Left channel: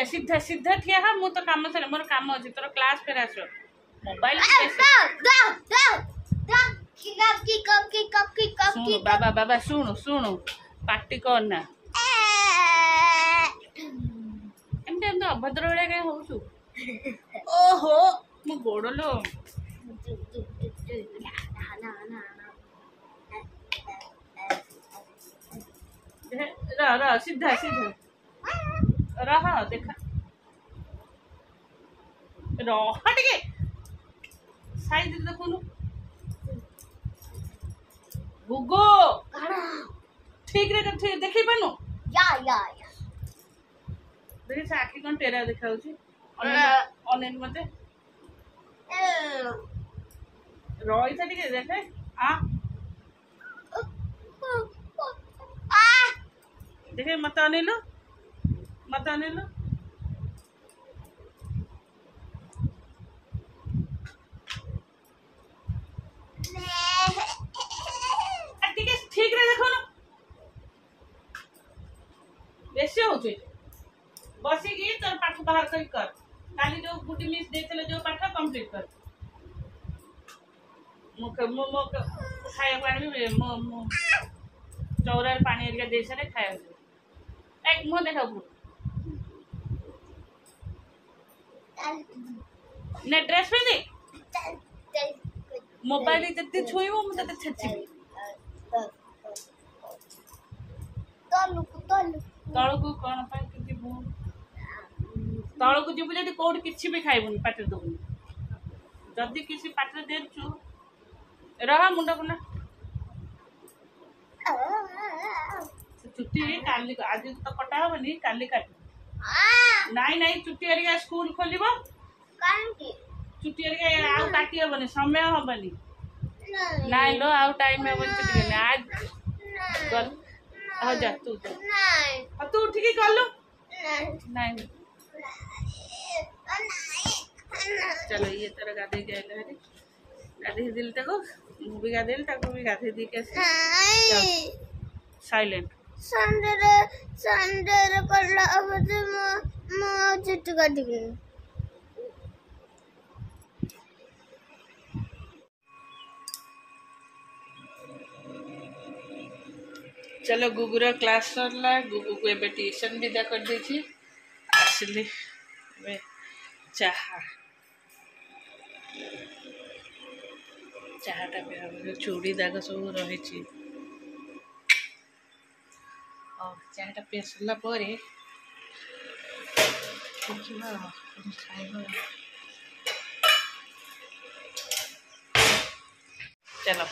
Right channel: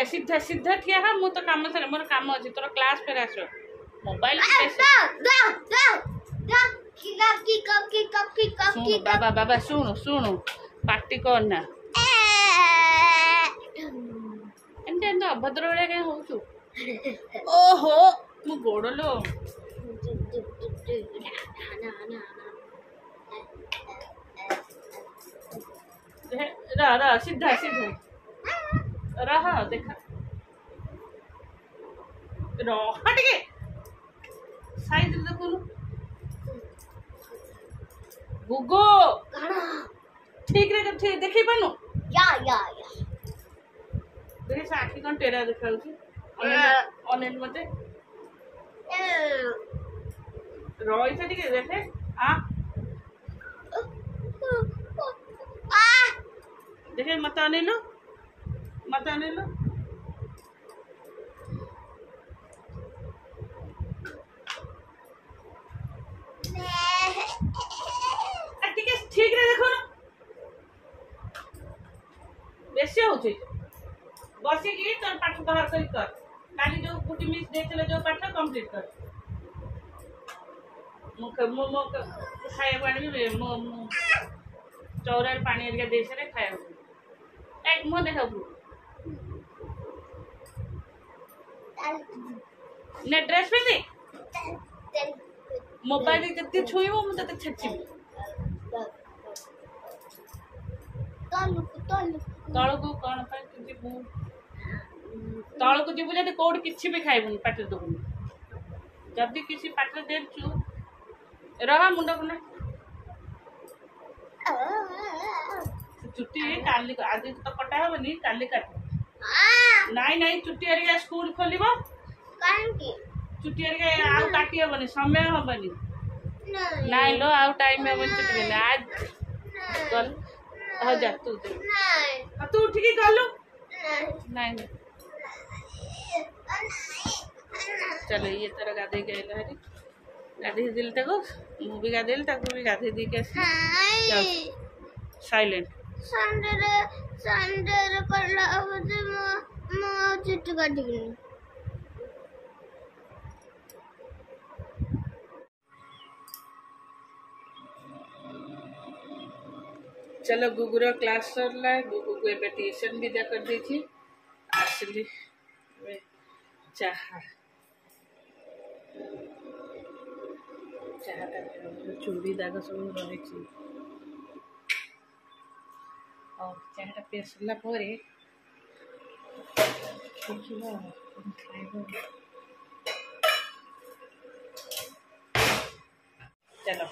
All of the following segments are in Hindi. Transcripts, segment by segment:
ठिया सीधा सीधा ठिया हा मु तो काम सर मोर काम अछि तोर क्लास फेर आसो मोबाइल सुन बाबा बाबा सुन सुन पार्टी करना एमते एमते अभद्र बड़े के होछु ओहो मु गोड़लो रहा सीधा सीधा रहा देखा रहा टिके साइड देखुनु गुगो ठीक रे ठीक देखि पानु या देखि से आखि कोन टेरा देखाउची अनेन मते रोई से टिके देखे आ देखे मत अनिलु टिके ठीक रे देखो ना बेसी होची बसी की तोर पाठ बाहर कर काली जो गुटी मिस देखले जो पाठ कंप्लीट कर मुख मो खाया पानी भी मो चौरा पानी एरिया दे सारे खाया एक मो देखा ने ड्रेस पहनी मोबाइल जति छुईबो मु तते छेचिबी तळकु कोन पा जिबु तळकु जिबु जति कोड किछि भी खाइबुन पाटे दबुन जदी किछि पाटे देछु रहा मुंडा कोना छुट्टी काली आज तो कटा हबनी काली काट नहीं छुट्टी एरिया स्कूल खोलिबो कान की छुट्टी एरिया आउ काटी हबनी समय हबनी नहीं लो आउ टाइम हबनी छुट्टी ने आज चल हो जा तू दे तू उठ के कर लो नहीं चलो ये तरह गाधे गए हरी गाधे दिल तक मु भी गाधे तक भी गाधे दी के साइलेंट संडे करला अब मो चिट्टू काटी चलो गुगुर क्लास सरला गुगु को एबे ट्यूशन विदा कर देछि आसली एबे चाहाटा पे हम चूड़ी दाग सब रही और चाहाटा पे सरला परे देखिबा खाइबा चलो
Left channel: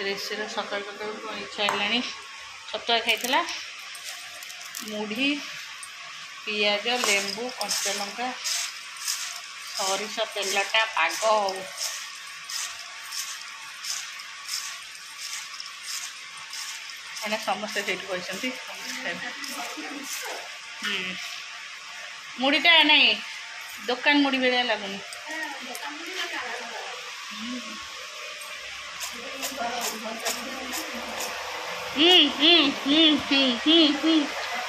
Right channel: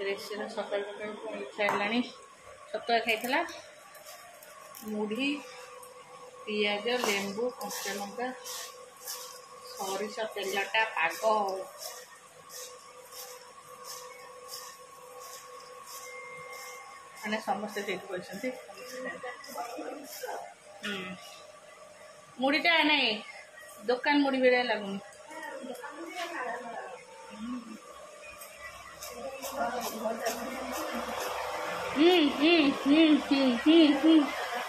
रेसिपी सकाल सकाल इच्छा है छतुआ खाई मुढ़ी पियाज लेंबू कंचा लंका सरिष तेलटा पाग मैंने समस्ते बसती मुढ़ीटा नहीं दुकान मुढ़ी बेड़ा लगुनि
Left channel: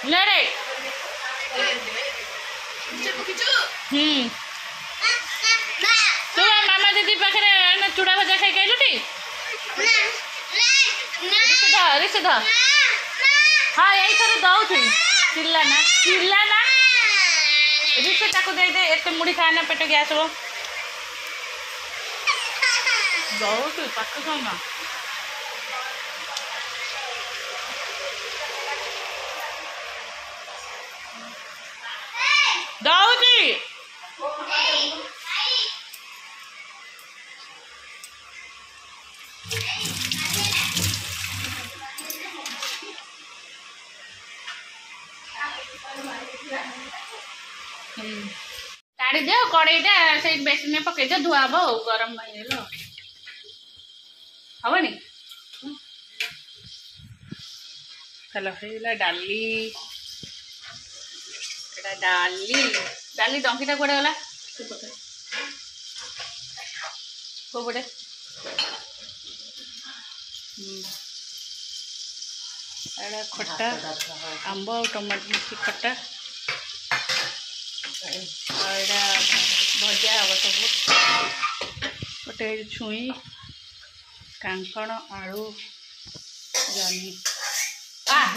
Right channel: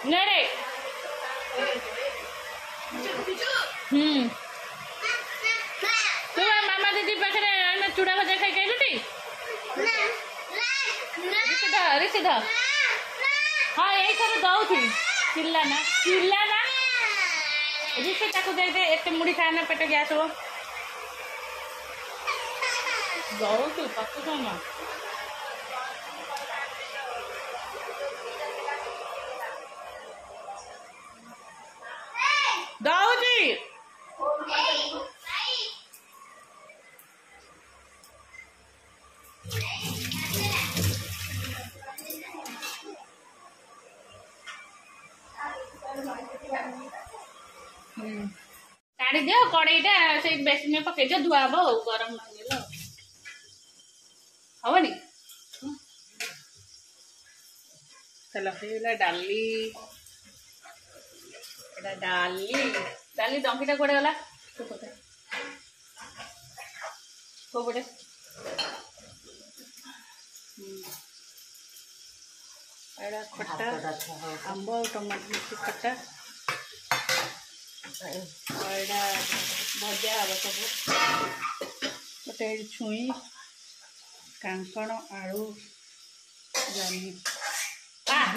नरे तू मामा दीदी पाखे चूड़ा भजा खाई गलु टी ऋषिध हाँ यही थर दौथी चिल्लाना ऋषि ताकू दे दे एत मुढ़ी खाना पेट गैस हो दौथी पाक खाना दाऊजी काढ़ी दियो कड़ईटा से बेसन में पकई दियो धुआ हम गरम हेनी चलो डाली डाली डंकीटा कड़े गला कोपटे खट्टा आंब और टमाटो मिर्ची खट्टा यहाँ भजा हम सब गोटे छुई कांकण आलू जनी बात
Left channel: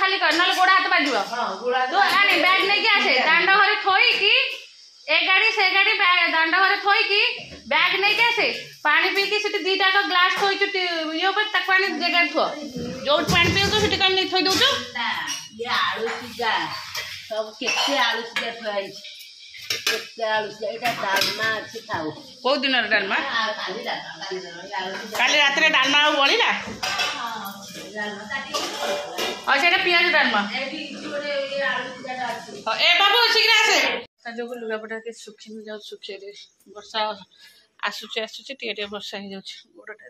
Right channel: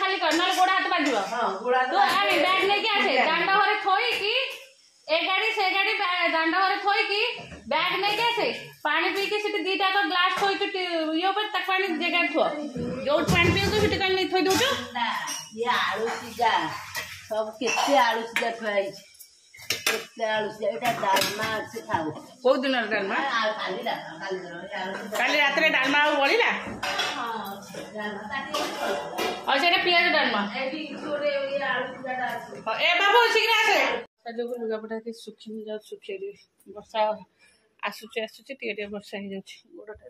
खाली कर ना गोड़ हाथ बाजू बैग नहीं आसे दांड घरे थोईकी ए गाड़ी से गाड़ी दांड घरे थोईकी बैग नहीं आसे पानी पीकी से दीटा ग्लास थोई ये पानी जगह थो जो पानी पीऊ से नहीं थोई दौ ये आलू सीधा सब केते आलू सीधा थोई केते आलू सीधा एटा डालमा अच्छे खाओ को दिन डालमा काली रात रे डालमा बळिला और सेटा पियाज डालमा ए बाबू शीघ्र आसे जो लुगापटा के सुखी जाऊ सुखे दे वर्षा आसुचे टे वर्षा हो जाउछ गोडटा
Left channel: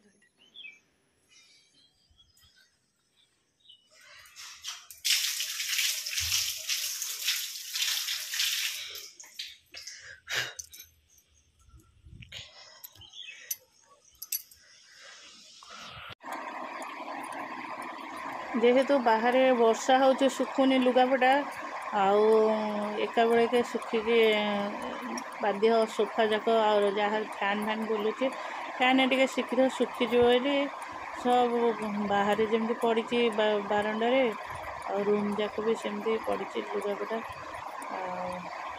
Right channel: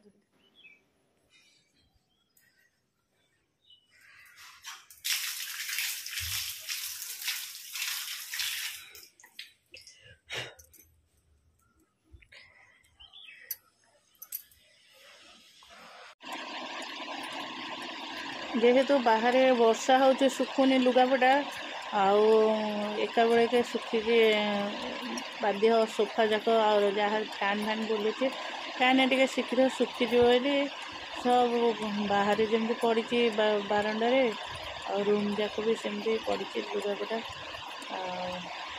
जेहेतु बाहर वर्षा हो सुखुनी लुगापटा आउ एका बेले के सुखिकी बाध्य सोफा जाक और जहाँ फैन फैन बुलूँ फैन टे शीघ्र सुखीज सब बाहर जमी पड़ी बारंडारे और रूम जाक भी सेमती पड़ी लुगापटा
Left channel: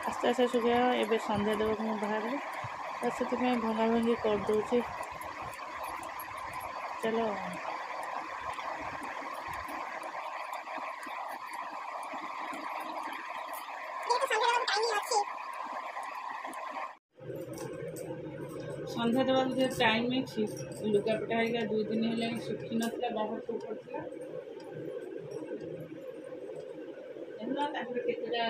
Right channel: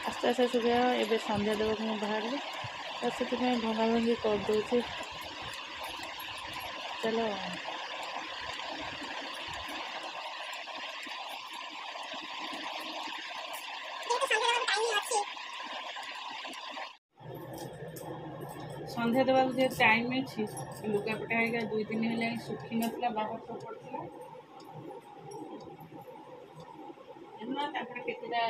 आस्ते आस्ते सुखा एवं संध्या देव मुझे बाहर तो से भंगा भंगी करदे चलो संध्या देवा जो टाइम अच्छी लुगापटा है 2 दिन है सुखी नाला बाहर सब पड़ा केतटा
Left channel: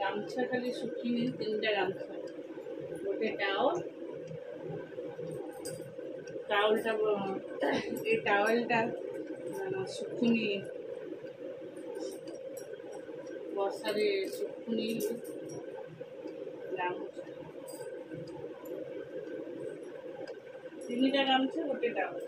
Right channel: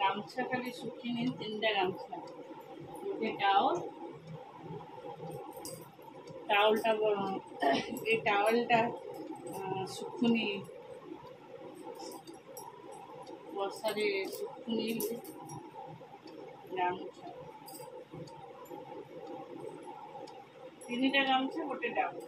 गामछा खाली सुखी नहीं 3टा गामछा गोटे टावलटा सुखुनी वर्षा सुखुनी गामछा 3टा गामछा गोटे टावल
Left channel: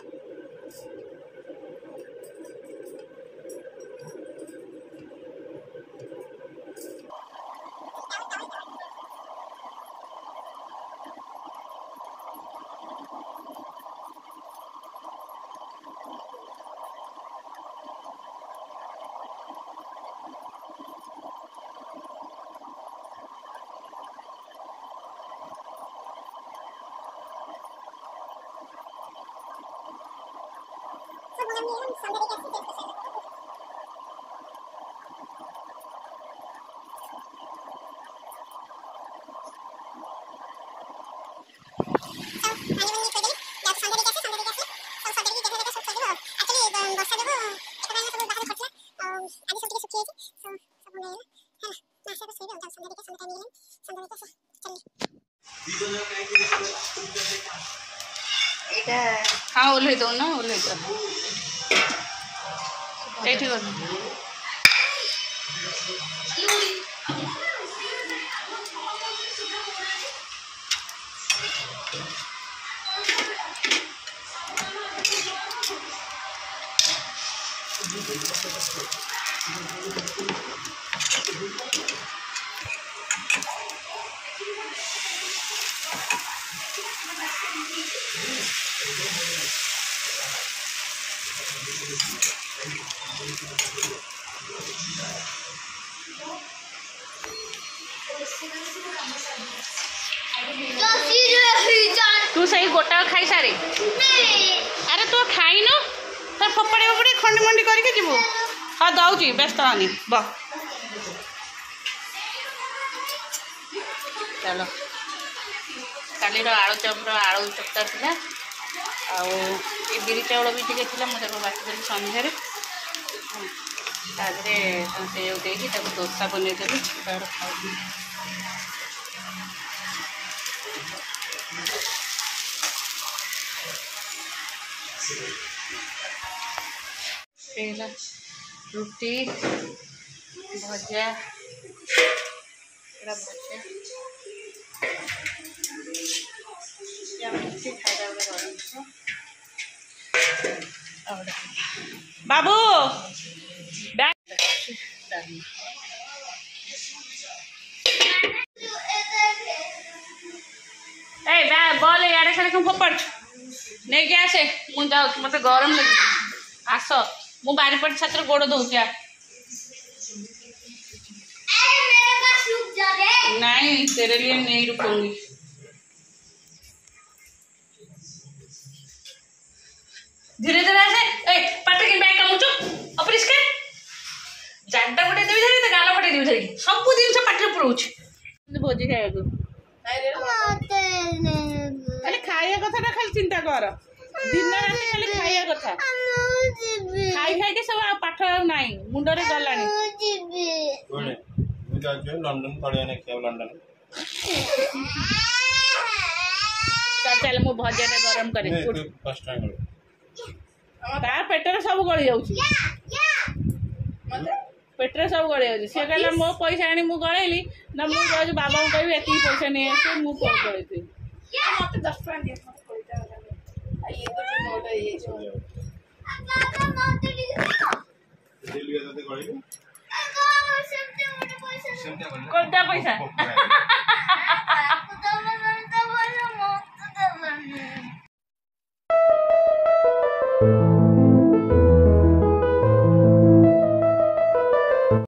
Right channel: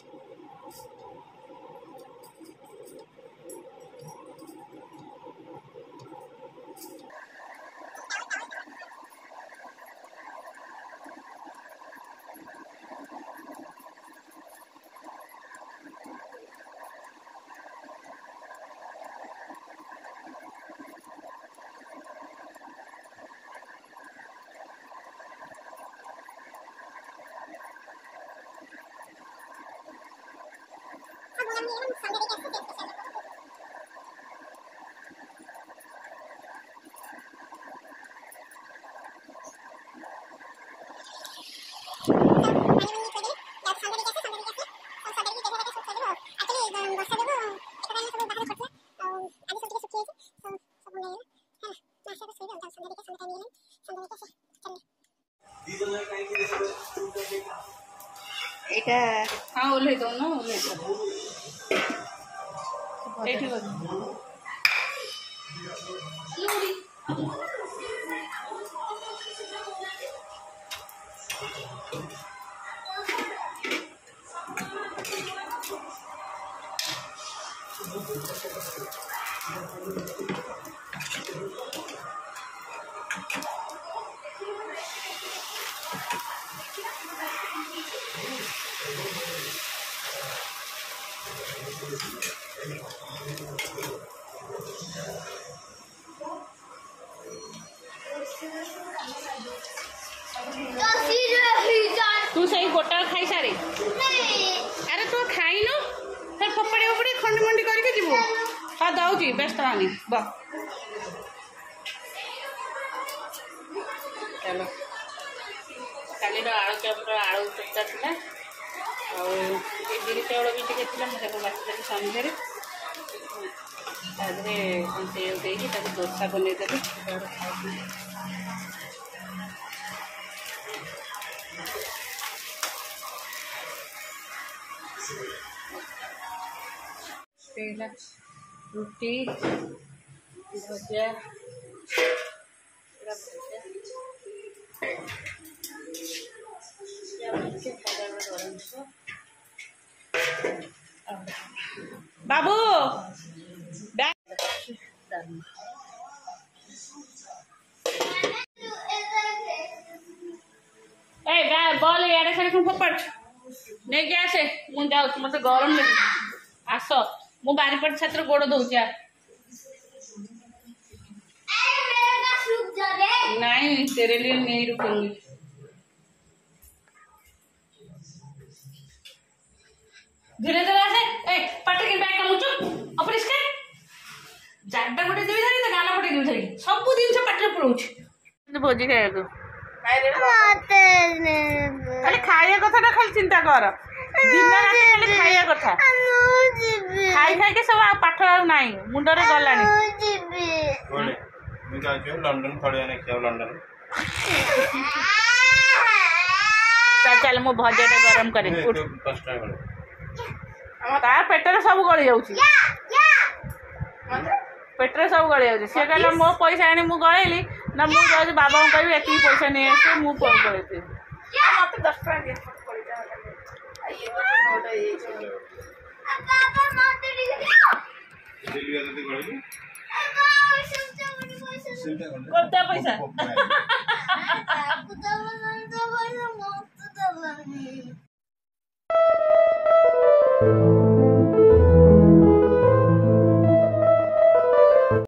हाँ ओल्हे दो ना ओल्हे दो तू सही गोटा खाई सारे अरे तू खाई न तो फोपड़े फोपड़े खंडी मंडी करके जीवु हाँ दौची व्यस्त हानि बह चलो काली आलू चप आलू चपटा था आ बिरी चाउल भी टे मुझे बाटी संध्यारे से दोसा बनईदेवी खाई रुटी भजा खाई बाबू बॉल यार से फोपड़ नहीं क्या आसे मुझे जाऊँ मत गरम लगे आस मु बारीपट छात्र गोड़ दौची नहीं तेरे लिए नहीं रुकूंगी धीरे धीरे आसे पाटे के बैग कामुचु अपरिष्कार जाडा पटे देबी धरी गाल पटे देबी धरी सब दिन से पाटे पुरोछ भोजी खाइबो खाली खाइया कथा ना खाली चिंता कर दिन रात खाली खाइया कथा खाई खाई के सब पाठ नाही मुंडरे गलानी लंडन थोड़े ने क्या लंडन चल चल मु भजाटा गरम करे उठ तार पेटर सब गली जाऊँ पेटर सब गली जाऊँ सी कहला मो पैसा आनी मु गलैली ना मु जाऊँ बाबा को कहि एति पैसा नहीं आसे मु गलैती मत 10 टका दिया ये तो नोट है ये कोणता पैसा